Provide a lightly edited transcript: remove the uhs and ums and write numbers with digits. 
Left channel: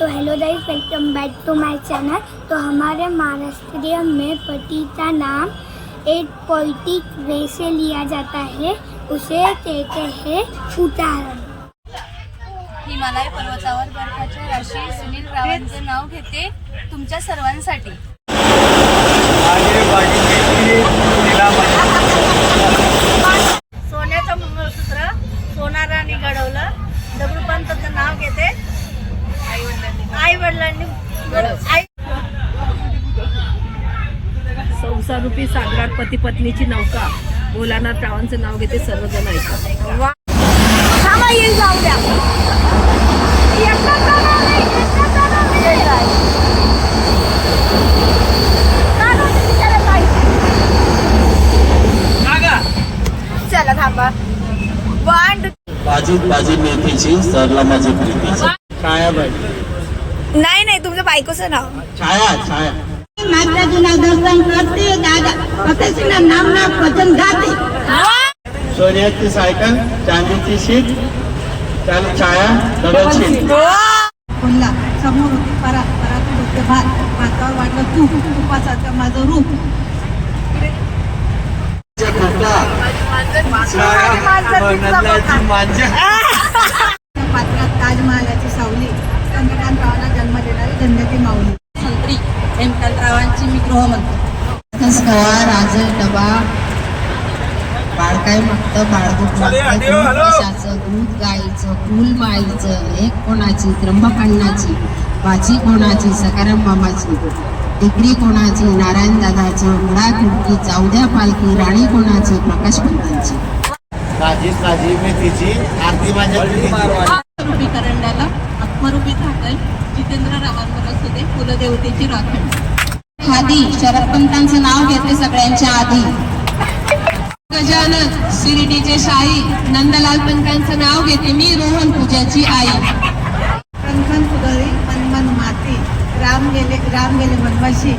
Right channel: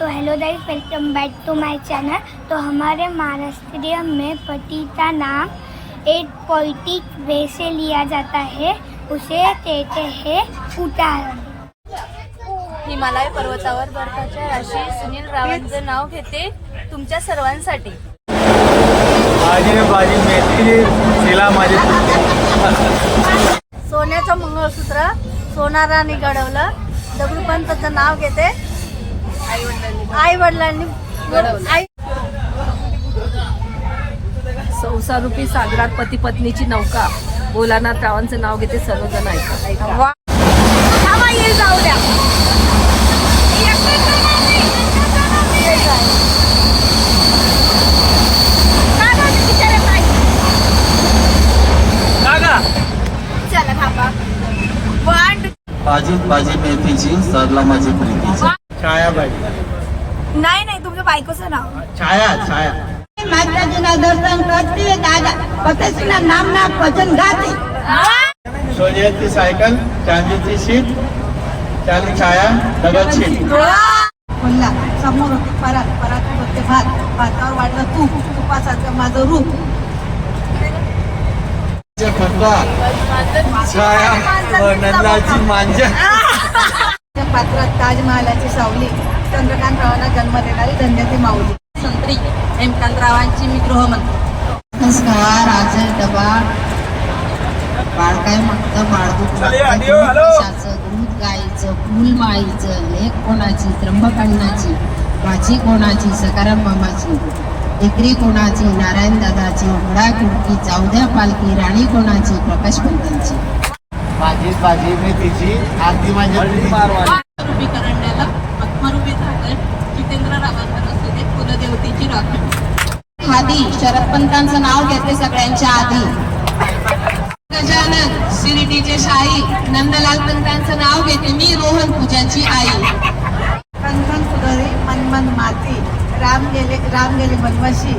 तो hello guys, welcome back to my channel. तो हमारे महाराष्ट्र में पति का नाम एक पोइटिक वे से लिया जाता है, उसे कहते हैं उतारण। हिमालय पर्वतावर बर्फाच्या राशी सुनील रावांचे नाव घेते तुमच्या सर्वांसाठी। सोन्याचं मंगळसूत्र सोनाराने घडवलं, दगडूपंताचं नाव घेते आई वडिलांनी संसारूपी सागरात पती पत्नीची नौका भोलानाथ रावांचं नाव घेते सर्वजण ऐका। थांबा, येईल जाऊ द्या। चला थांबा। माझी मेथीची सरला माझी प्रीतीची नाही नाही, तुमच्या बायकोचं नाव छाया माताजीना दर्शन करते दादा पतीना नामना भजन गाते। सोन्याची सायकल चांदीची शीट छाया दगडची बोलला समोर होती परात परात होते भात भातावर वाटलं तूप तुपाचं माझं रूप पात्रात ताजमहालाची सावली चंद्रकांतरावांना जन्म देणारी धन्याची माऊली संत्री हेमकांतरावांची मी गृहमंत्री राजे डबा बाळकाय मागतं बाळदूत मागतं दूध गाईचं फुल माईचं लेख कोणाची त्र्यंबकण्णाची बाची कोणाची सकाराम मामाची डिग्री कोणाची नारायण दादाची मुळा खिडकी जाऊद्या पालखी राणी कोणाची प्रकाश पंतांची माझी मेथीची आरती माझ्या प्रीतीची रूपी करंड्याला आत्मरूपी धाकल जितेंद्र रावांवर असू दे कुलदेवतेची राखण खादी शरद पंतांचं नाव घेते सगळ्यांच्या आधी गजानन शिर्डीचे शाही नंदलाल पंतांचं नाव घेते मी रोहन पूजाची आई कणखन सुधरी मनमन माती राम गेले वनवासी